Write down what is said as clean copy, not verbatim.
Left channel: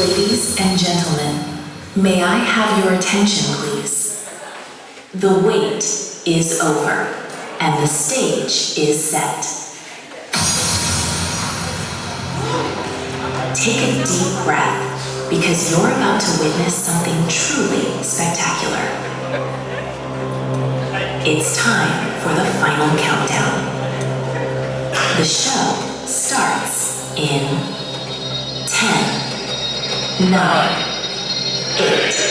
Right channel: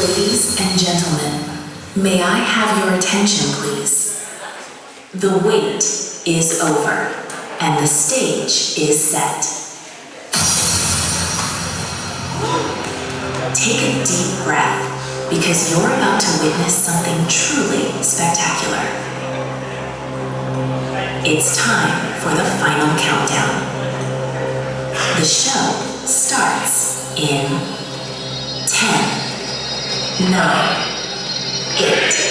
Ladies and gentlemen, may I have your attention, please? The wait is over, and the stage is set. Take a deep breath, because you're about to witness something truly spectacular. It's time for the final countdown. The show starts in 10, 9, 8,